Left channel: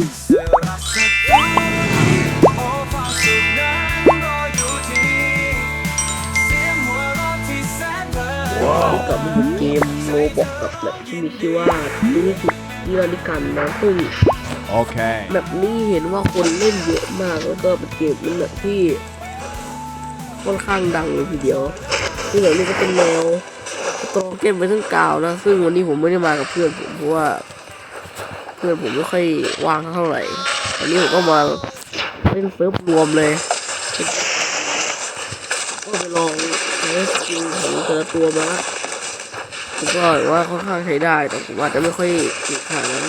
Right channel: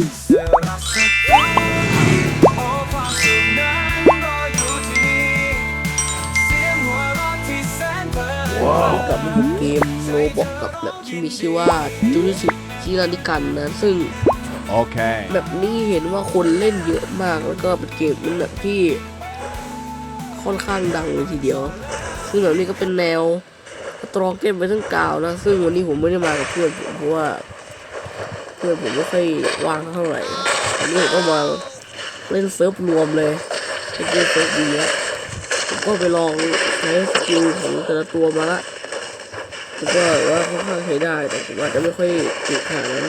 ว้าวกับเกมโลบอกกับแบบที่มีชื่อว่าจูนิสิจิรานิกันนะซึ่ง Okay. แบบนี้เห็นว่าคนเล่นเยอะมากแล้วก็เป็นเกมเป็นแบบที่ค่อนข้างดังเลยทีเดียวซึ่งแบบนี้ก็เป็นแนวตรองเกมไปทั้งกาวนะ ซึ่งวันนี้ผมไม่ได้มากับเพื่อนผมเพราะว่า เพื่อนผมไม่ค่อยว่างเท่าไหร่อันนี้ผมก็มาเล่นเซิร์ฟรวมเลยเป็นเซิร์ฟดีนะผมก็ไปลองใช้สกิลของแต่ละตัวมาละผมก็ว่าค่อนข้างใช้ได้แต่ผมอาจจะไม่ค่อยเก่งขนาดนั้น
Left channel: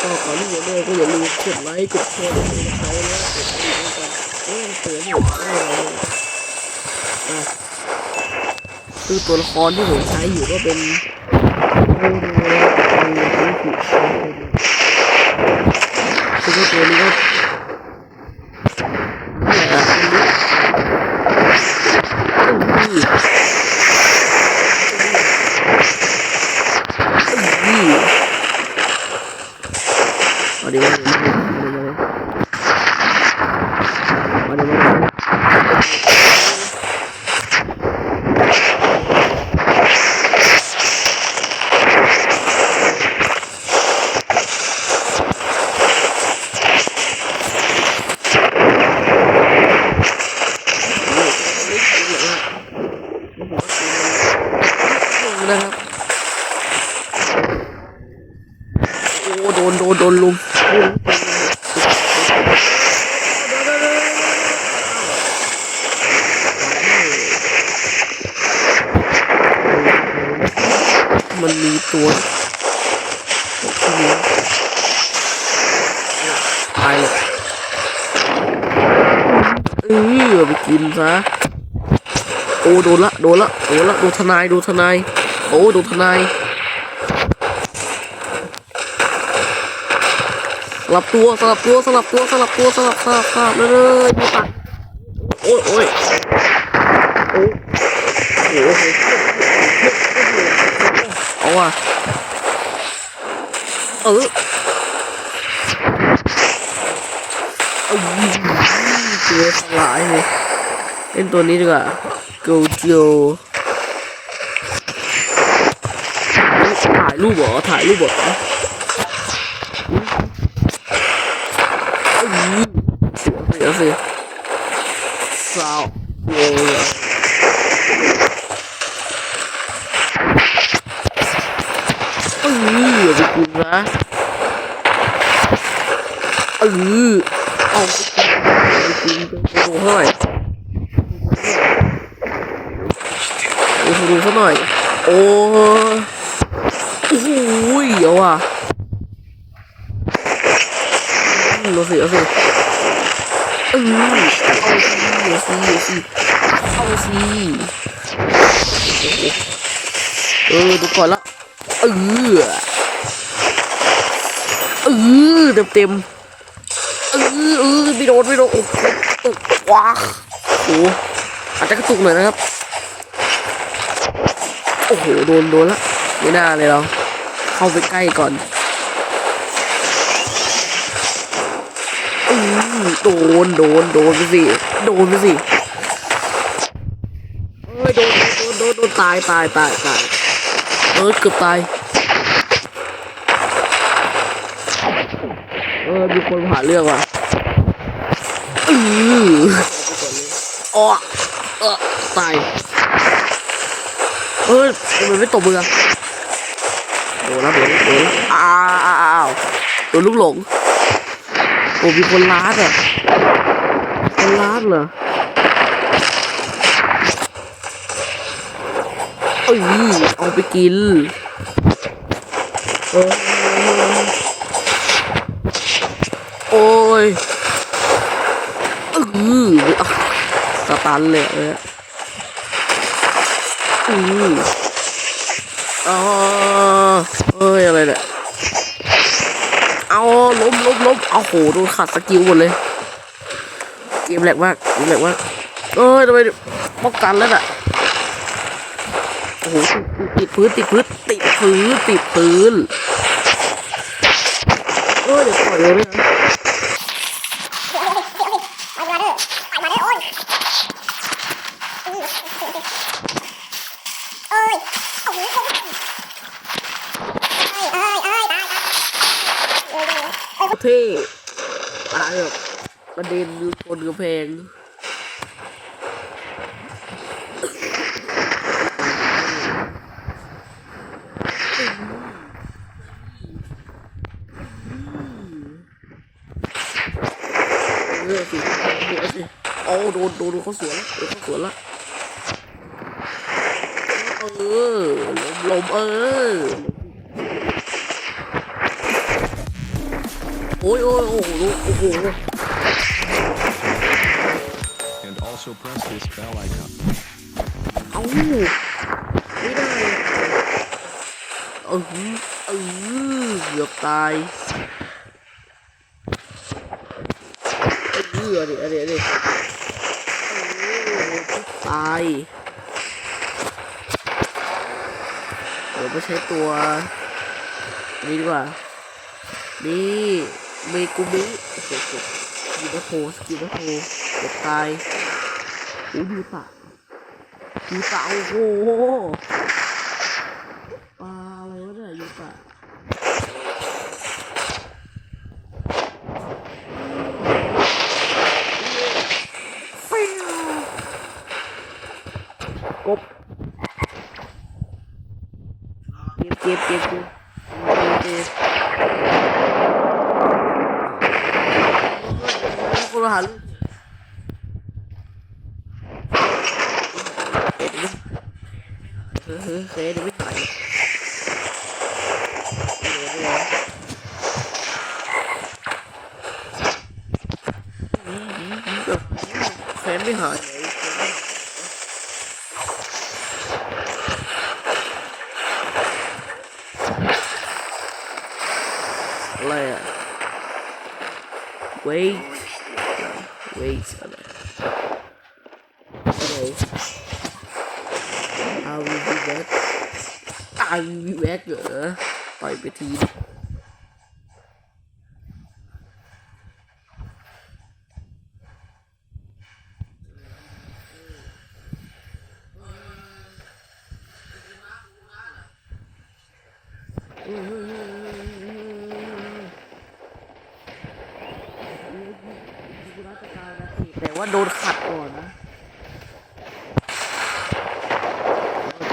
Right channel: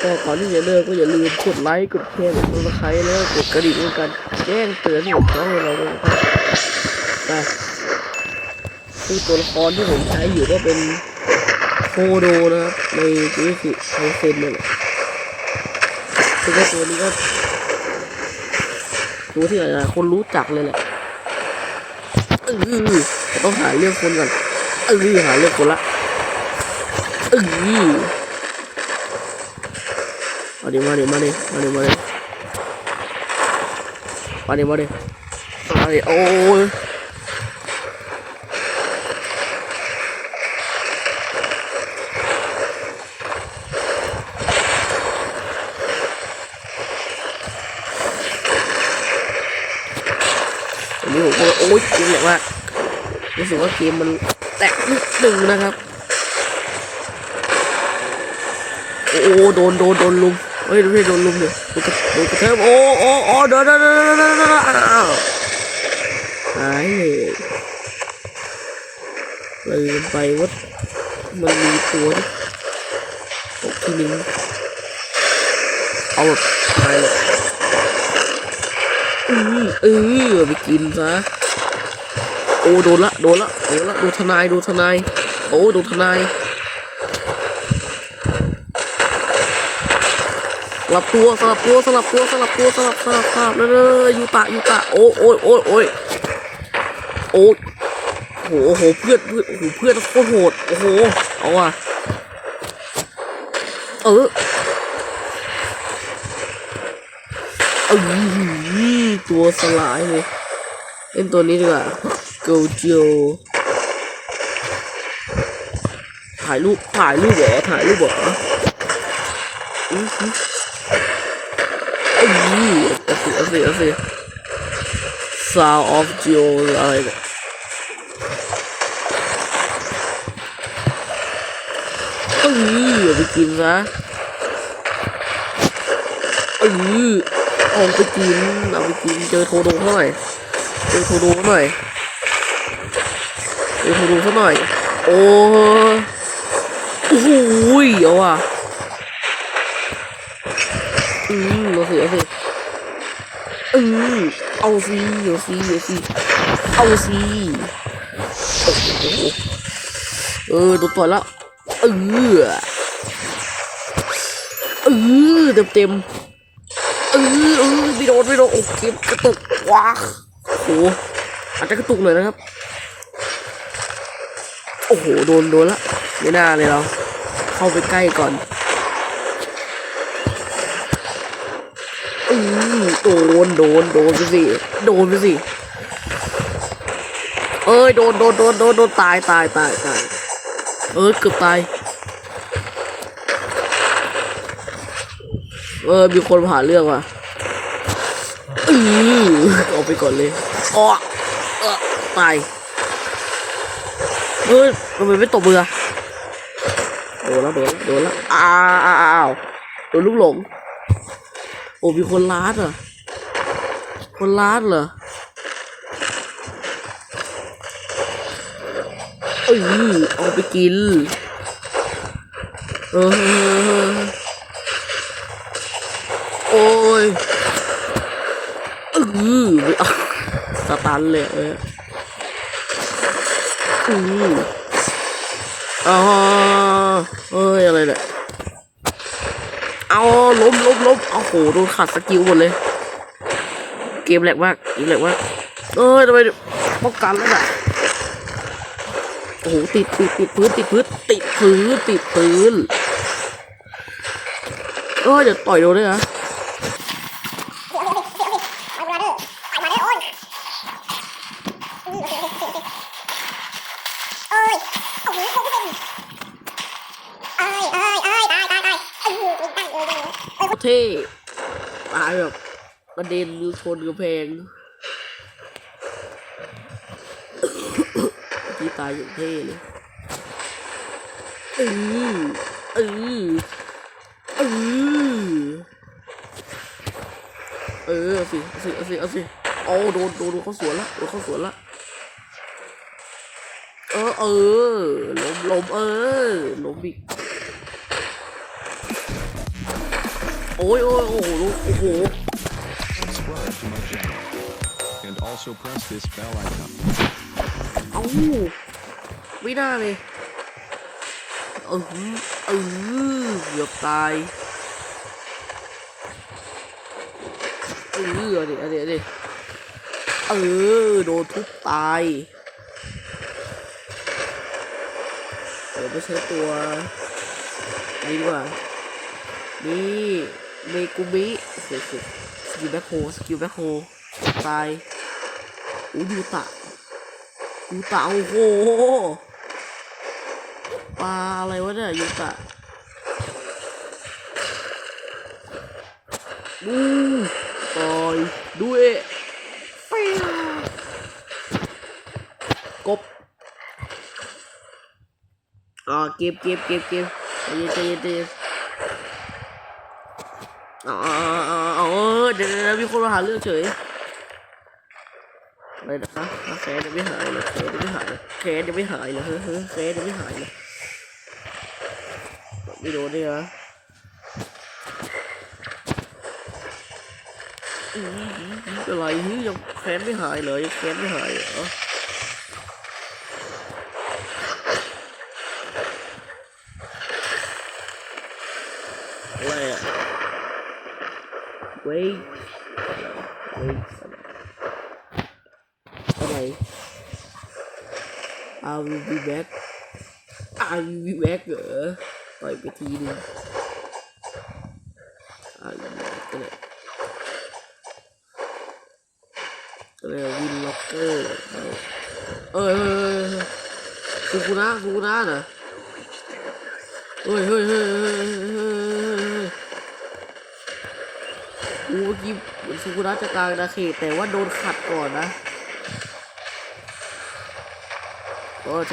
ก็ก่อนที่จะเลิกก็อย่าลืมกดไลค์กดแชร์กดติดตามแล้วกดกระดิ่งด้วยกันแจ้งเตือนให้ช่องเราด้วยนะครับนะซึ่งตัวละครที่ผมใช้อยู่ก็เป็น คโดนะครับในธุรกิจไอเซนเนี่ยซึ่งก็ตัวนี้ก็ตัวที่หลายคนรู้จักเลยเอ้ยต้องหาเรื่องคนเลยเอ้ยหาเรื่องคนละเอ้ยมาดิมาดิมาดิมาดิมาดิมาดิมาดิโอ้ยโอ้ยโอ้ยโอ้ยจริงแบบว่า มันแตกนิดนึงนะครับ โอ้โดนโดนโดนลุมไม่ไม่โดนลุมเลยโดนโอ้โอ้โอ้โดนโดนโดนโดนโดนอ้าวไอ้ไปไปวะมันมีตัวที่นี้เอาแบบตายเลยเออไปกินซะ โอ้โดนละโดนละโดนละโดนทนายโดนทนายโอ้โดนทนายสลับตัวสลับตัวสลับตัวสลับตัวสลับสลับสลับเลยเลยยูตะยูตะโอ้โอ้โอ้โอ้ยโอ้โหโหเพื่อนเพื่อนเพื่อนโคตรโหดโอ้โหเอาว่ะเออเอ้ยตัวสลายเลยเล่นตัวนี้ดีกว่า โกโจถ่ายรูปถ่ายรูปเหรอถ่ายรูปเหรออืมอืมเอาสิ ยเออเอาไปกินนะเออเอาไปกินเอาไปกินเจอโทโดเท่าไหร่เจอโทโดเท่าไหร่เจอโทโดเท่าไหร่โอ้โอ้โหเอาว่ะอืมเอาสิเอาสิเออเอาสิเอาสิเอาสิเอาสิเออดูก่อนละเออเออเต็มเต็มเออเออไม่โดนไม่โดนโอ้โหกระตุกว้าโอ้อาจจะกระตุกหน่อยนะครับ อ้โหโดนโดนละไม่น่าเลยเราเข้าไปใกล้ก่อนอืมโดนโดนโดนไปสิโดนไปสิเอ้ยโดนโดนโดนโดนโดนตายตายตายตายเออเกือบตายเออมีคนผ่าเรื่องว่ะอือเอาไปก่อนเลยอ๋อเออตาย เอ้ยทำไมไม่ตบมืออะโดนแล้วโดนแล้วโดนแล้วอ้าวอ้าวอ้าวโดนลูกหลงโอ้มีคนล้าดอะคนล้าดเหรอเอ้ยเอาไปกินเออโอ้ยเอออะสตันเลยเออ อืออ๋อเอ้ย อะไรเนี่ย เอาล้มล้มล้มเอาโหโดนขัดสกิลหมดเลย เกมแหลกมากเกมแหลกมากเอ้ยทำไมป้องกันแล้วน่ะโอ้โหติดติดติดพื้นติดพื้นติดพื้นติดพื้นเออ้ยเดี๋ยวต่อยโดนเลยนะ เอ้ยโอ้โหคงเป็นเอ้ยเอ้ยเอ้ยตายตายตายเอ้ยเอ้ยเอ้ยเอ้ย เท่ตายแบบกระ เด็นชนกระแพงที่ตายเท่เลยเออเออเออเออสิสิสิเอาสิเอาโดนโดนเขาสวนล้วโดนเขาสวนล้วเออเออลมลมเออลมอีกโอ้ยโอ้ยโอ้โหโอ้โห also press this bell icon. เอ้าไม่ได้เออเออเกือบตายเออเอาดิเอาดิเอาดิเออโดนทุบตายเดี๋ยวไปใช้ตัวนี้ดีกว่านี่เมกุมิโอ้โหสกิลแบ็คโฮสกิลแบ็คโฮตาย โอ้ยูตะยูตะโอ้โหปลาอะไรวะเนี่ยยูตะอืมโอ้ยดูเอะเฟี้ยวกบอ่าเก็บเก็บเก็บเก็บเก็บเก็บเอ๋อเออเดี๋ยวนะมีคนมาหาเรื่องเฉย อะไรนะไม่หายเลยเคสยังไม่หายเคสยังไม่หายเลยเฮ้ยเฮ้ยเคสยังไม่หายเลยไม่โดนด้วยนะอืมอืมอืมอะไรนี่ยังแค้นไม่หายเลยแค้นไม่หายเหรออะไรอะ wait wait อะไร อะไร I will be back I will be back เหรอต่อยไปทีนึง I will be back ก็เลยก็เลยวินล็อกเกอร์เอ้ยเฮ้ยเฮ้ยซูกุนะซูกุนะเฮ้ยเฮ้ยเฮ้ยเฮ้ยเฮ้ยเฮ้ยเฮ้ยกูเมื่อกี้สุกุระจะกลางนาเขตแต่ว่าโดนขัดก่อนนะเพราะว่า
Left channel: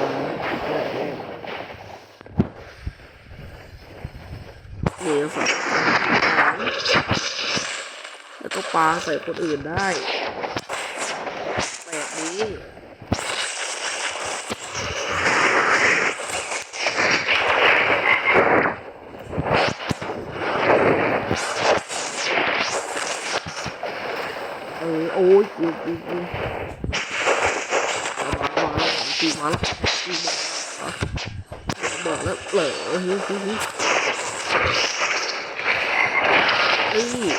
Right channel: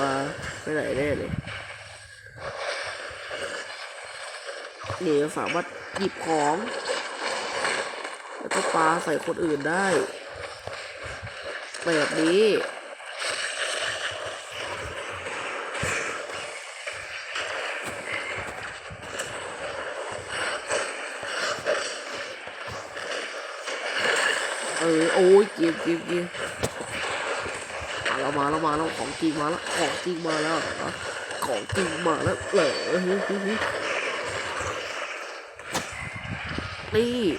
มาได้แน่เลยนี่สามารถหยิบของแล้วก็ปาใส่คนอื่นได้แบบนี้เออโอ้ยเก็บเก็บเก็บ มาแล้วมาแล้วของจริงมาแล้วของจริงมาแล้วของจริงมาแล้วเหลอฮ้ยเฮ้ยเฮ้ยนี่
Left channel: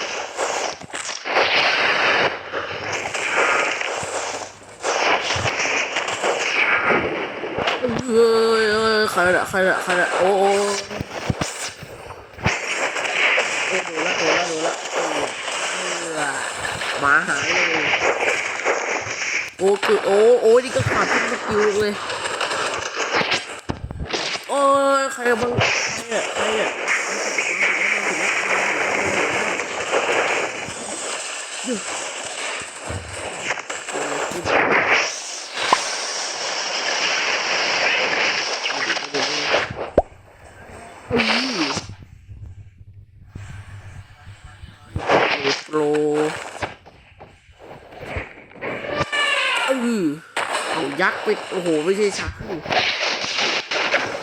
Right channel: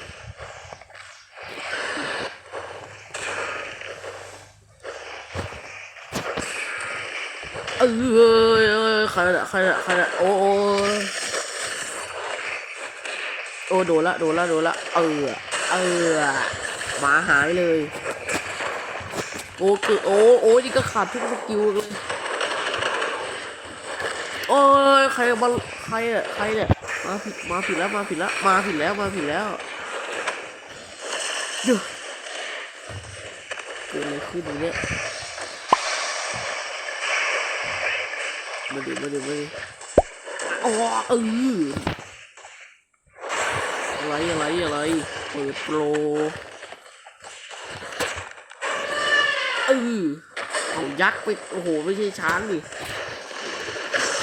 เออเอยเอยใครละใครละใครละโอ้โอ้โอ้โดนละโดนละโดนละเออเออหมาหายเลย โอ้คือโอ้โอ้นี่ก็ขาดทุกสกิลเลยโอ้ยใครมาใครอะใครอะมาผิดมาผิดแล้วมาผิดแล้วมาผิดแล้วมาผิดแล้วเดี๋ยวเกิดอะไรขึ้นเลยไม่ดีไม่ดีไม่ดีอ๋อเอออะไรอะไรอะไรโปร เออ เอายักษ์ไปโอ้โห ไม่ใช่ช้างดิ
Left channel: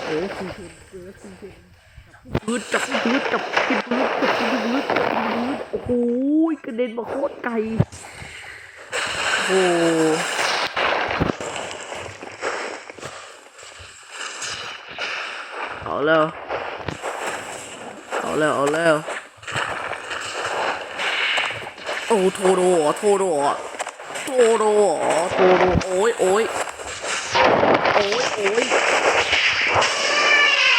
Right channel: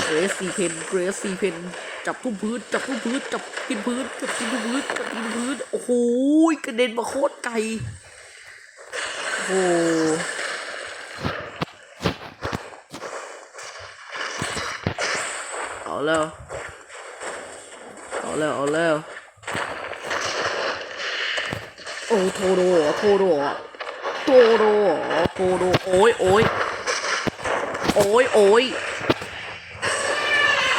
เกรสซีเพนเกรสซีเพนจับทุกพื้นจับทุกพื้นจับกินพื้นจับกินพื้นจับกินพื้นโอ้โหกระเด็นมาโคตรไกลโอ้เอาแล้วเอาแล้วเอาแล้วโอ้โทโดเหรโทโดเหรโตโดเหรโตโดโอ้ยโอ้ย โอ้ยโอ้ย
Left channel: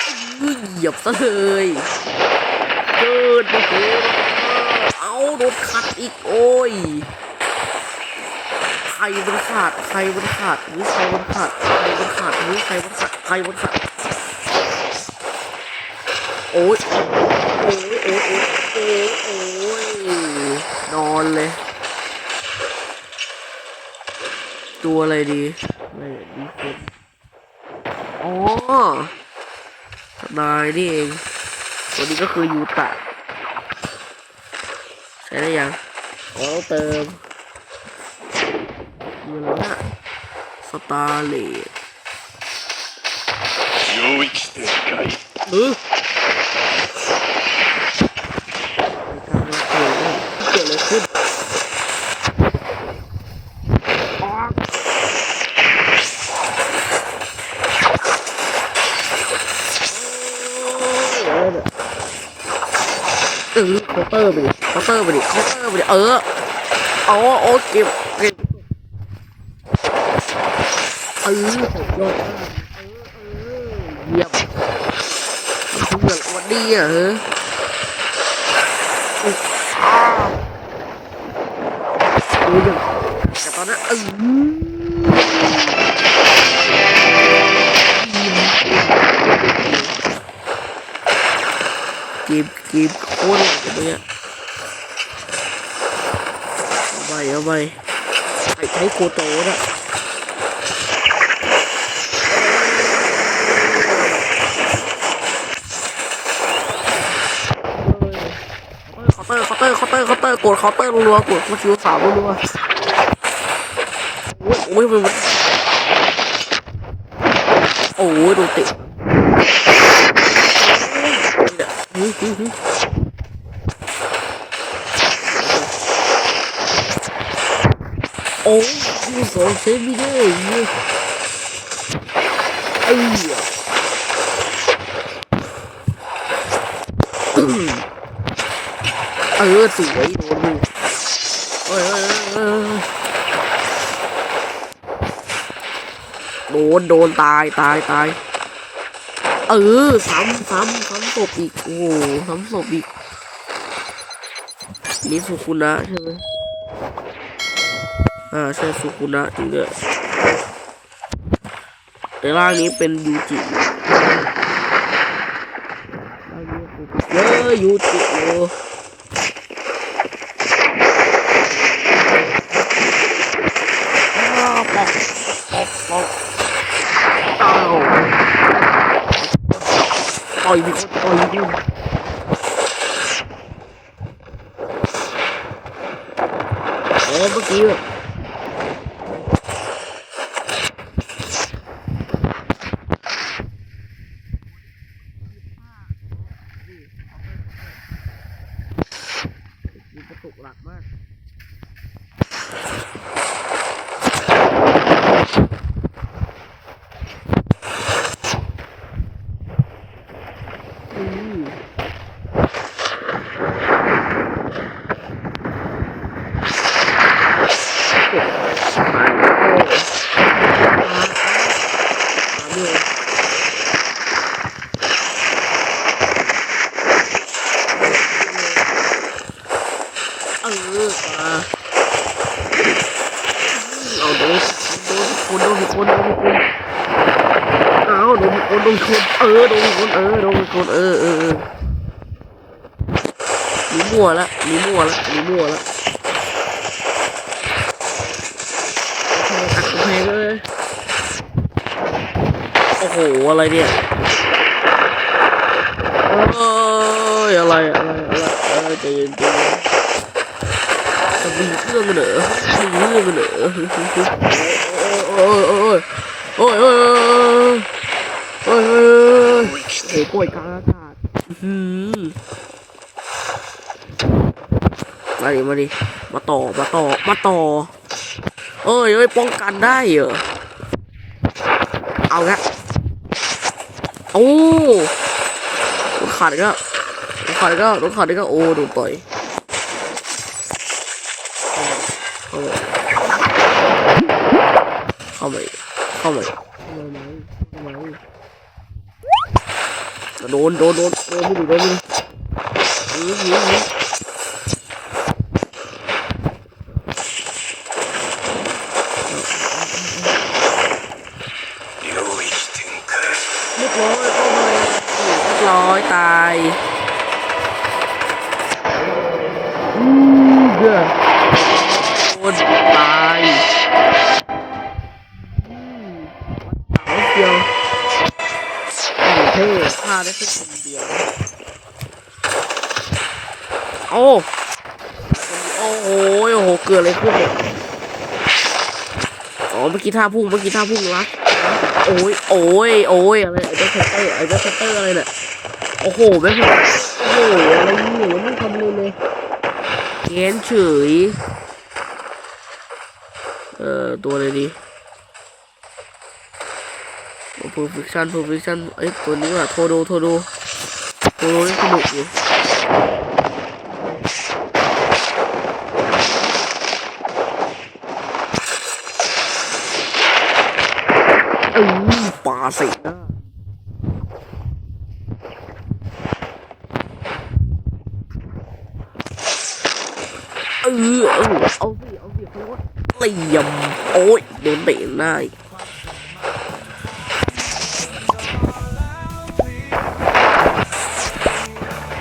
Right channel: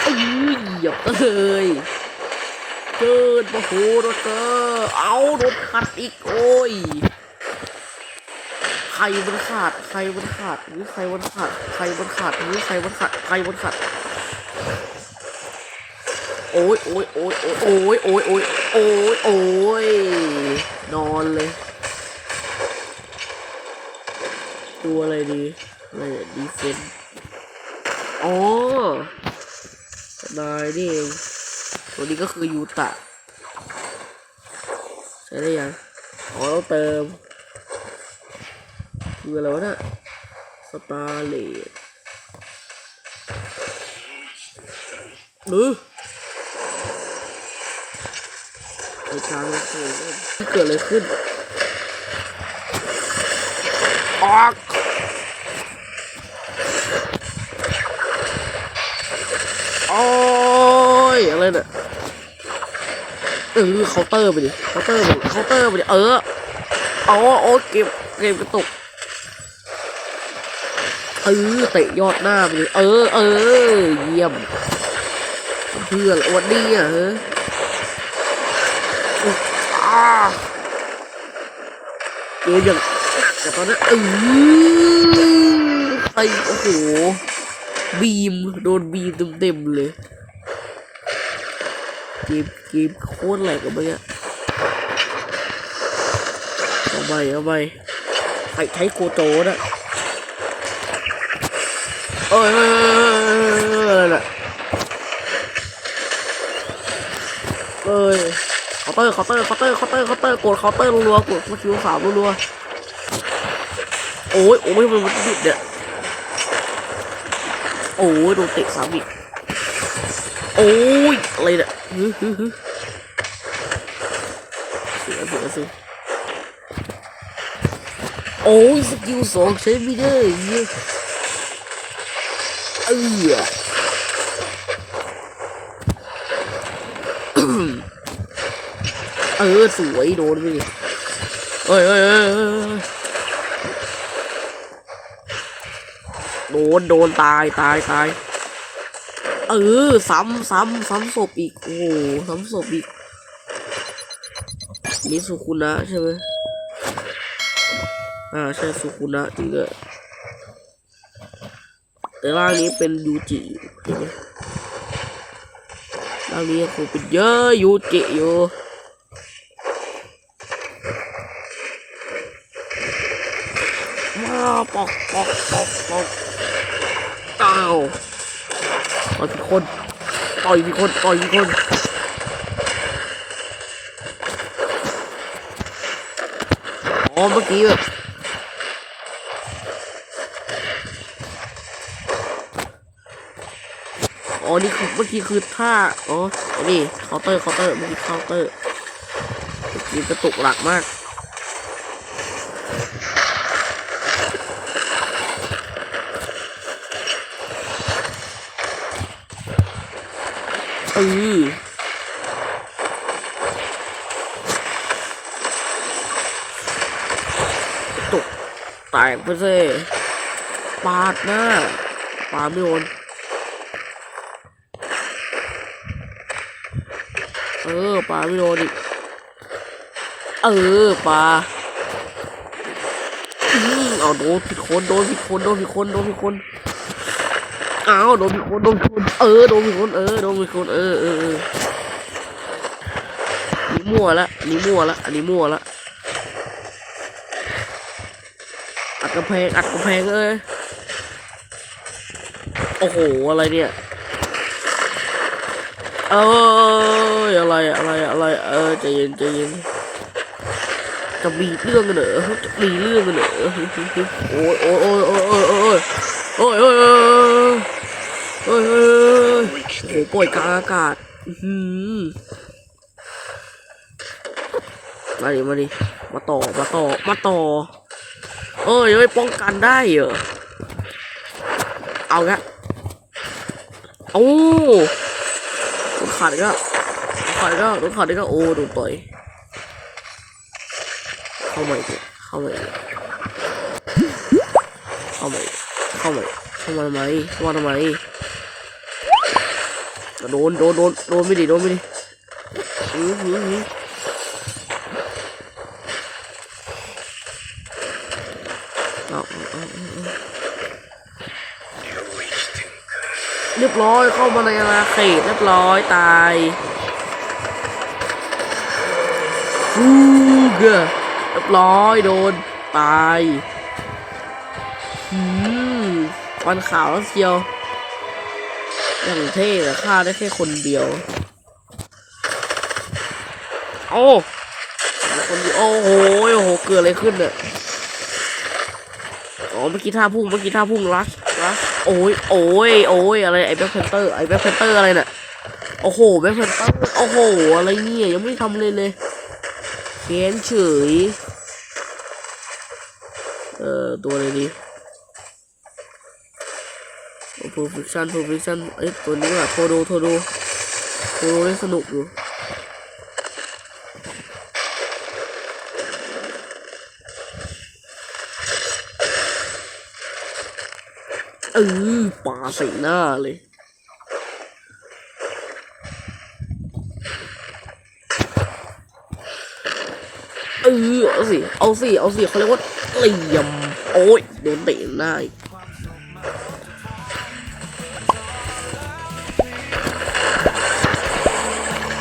เอ้ยเหยียบซะเลยเจิดโอ้โหโดนเจอเอาโดนขัดอีกโอ้ยใครมันขาดใครมันขาดหรือใครมันขาดใครมันขาดหรือใครมันขาดใครมันขาดโอ้ยโอ้ยโอ้ยโอ้ยโอ้ยโอ้ยโอ้ยนอนเลย ตัวอะไรดีอะไรดีเฟน อ๋อนายนี่เองตัวนี้ก็คือยูตะ ใช้ได้ยังอ๋อเราเติมคืออะไรวะนะสตาร์เลดหรือไปทางเกิดอะไรขึ้นออก เออเคาน์เตอร์ไปดิเคาน์เตอร์ไปดิเคาน์เตอร์ไปดิเออเอาโอ้เก็บเก็บกระตุกเออเตะยอดหน้าไปดิเออเออเยี่ยมเพื่อนวันนี้อะเฮ้ยอุ๊ยอ้าเออยังแต่ตอนนั้นเออไอ้โอ้โหบีมโดนบีมเต็มๆเลย กมเกมโคตรแหลกเลยเมื่อกี้เอาไปเอาไปใช้ใช้โคโตนะเอ้ยเอ้ยเอ้ยเอ้ยเอ้ยเคาน์เตอร์คาน์เตอร์คาน์เตอร์คาน์เตอร์เคาน์เตอร์กดคาน์เตอร์รัวๆกดคิวสามรัวๆโอ้ยโอ้ยมันมันติดเนี่ยโอ้ยโดนเตะสามอีก โอ้ยอะไรเนี่ยฮึฮึฮึโอ้ยสกิลสองใช้ไม่ได้เนี่ยเอ้ยเออสวยโดนมือเอ้ยเอ้ยเอ้ยเอ้ยโดนโดนตายตายตาย เออซ้ำซ้ำซ้ำศพอีก โอ้โหซ้ำศพอีกนี่สุคุนะใช่ไหมอ่าใช่สุคุนะจริงด้วยแต่ร่างนี้เป็นยูจิร่างนี้คงเป็นเยอะยูจิอยู่ปอกปอกปอกปอกอ้า คนต่อยมีคนต่อยมีคนอ๋อเมื่อกี้แบบอ๋อนี่คือเมื่อกี้คือท่าอ๋อนี่เคาน์เตอร์เคาน์เตอร์เมื่อกี้เคาน์เตอร์เมื่อกี้กระตุกหลักมากเออตกตายก็เซ่ปาดมากปาไม่โดนเออปาไม่โดนอีกเอ อปาเอาโดนสิคนโดนสิคนโดนสิคนโดนสิคนอ้าวโดนสิคนโดนสิคนเออโดนสิคนเออโดนสิคนเออเออเออนี่มั่วละนี่มั่วละนี่มั่วละอัดกระแพงอัดกระแพงเลยโอ้โหอะไรเนี่ยเอ้ยอะไรอะไรอะไรเออใจเย็นใจเย็น จะมีเรื่องเหรอมีเรื่องเหรอโอ้ยโอ้ยโอ้ยโอ้ยโอ้ยโอ้ยโอ้ยโอ้ยโอ้ยโอ้ยโอ้ยโอ้ยโอ้ยปล่อยกลางอากาศหือมาดิมาดิมาต่อมาต่อมาต่อเอ้ยเอ้ยป้องกันได้เหรอเอาละโอ้ขาดก็ขาดก็ขาดก็โอ้โดนต่อย เข้ามาเข้ามาสิเข้ามาสิเข้ามาสิเข้ามาทำไมเข้ามาทำไมโดนโดนโดนโดนไม่ดีโดนไม่ดีหือหือหือเรียบร้อยเข้ามาในอาเขตเรียบร้อยตายฟูเกอ ร้อยโดนตายฟันขาวเชียวแต่งเท่ฆ่าได้แค่คนเดียว โอ้คนเดียวโอ้โหโอ้โห เกิดอะไรขึ้นเนี่ย อ๋อ เมื่อกี้ท่าพุ่ง เมื่อกี้ท่าพุ่งรักรักโอ้ย โอ้ย โอ้ย อะไร ไอ้แบ็คแพนเตอร์ ไอ้แบ็คแพนเตอร์อะไรเนี่ย โอ้โหแบ็คแพนโอ้โห อะไรเนี่ย ยังไม่ทำเลยเลย เขียนเฉย เอ่อ ตัวอะไรดี perfection perfection เอ้ยตัวนี้ว่ะโทโดโทโดโทโดนี่สนุกอยู่เออป่าใส่หน้าเลย ออเอาสิเอาสิเอาสิเขาเรียกว่าเหลี่ยมโอ้ยโดนเตะหน้าอีก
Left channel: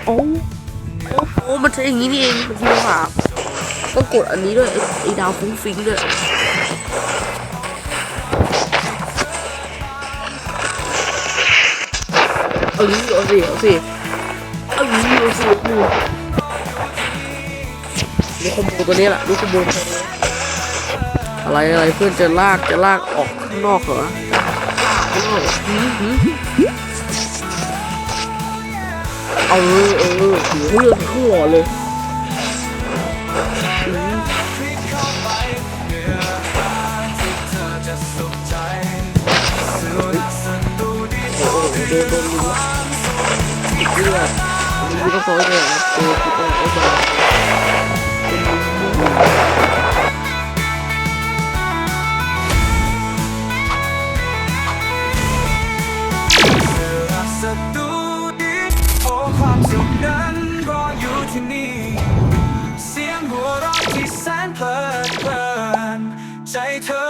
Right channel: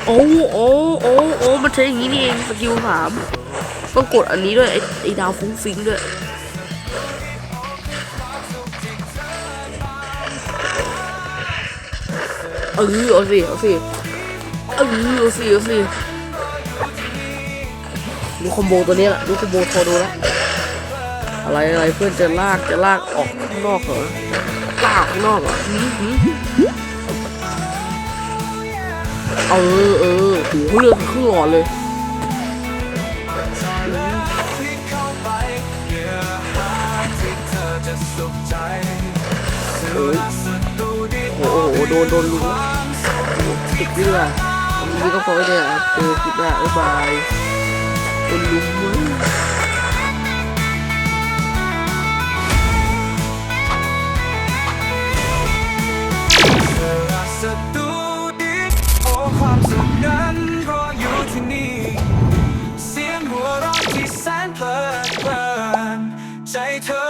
โอ้โอ้โอ้โอ้มันใช้อย่างนี้นี่เองสกิลสามต้องกดอันนี้ด้วยไอ้ไอ้ดาวฟุ้งฟิ้งด้วยเออเอาสิเอาสิเออเอาสิเอาสิ ดูคอมโบตัวนี้แหละดูคอมโบพอดูแล้วอะไรอะไรเพื่อนจะลากจะลากออกข้างนอกเหรอลากข้างนอกเหรอหืมหืมเออเออหูเลือดขึ้นหลอดเลยพลิกเข้าไปเนื้อหาที่เธอจะสุขใจสื่อรักศัตรูดีโอ้โหโดนโดนลุงติดเลือดลุงก็พอเลยอะเออคิดว่าไอ้บาย ศัตรูดีโอ้ความสุขนั้นรออยู่ที่นี่ เสียงหัวเราะที่แสนเพลิดเพลินใจเธอ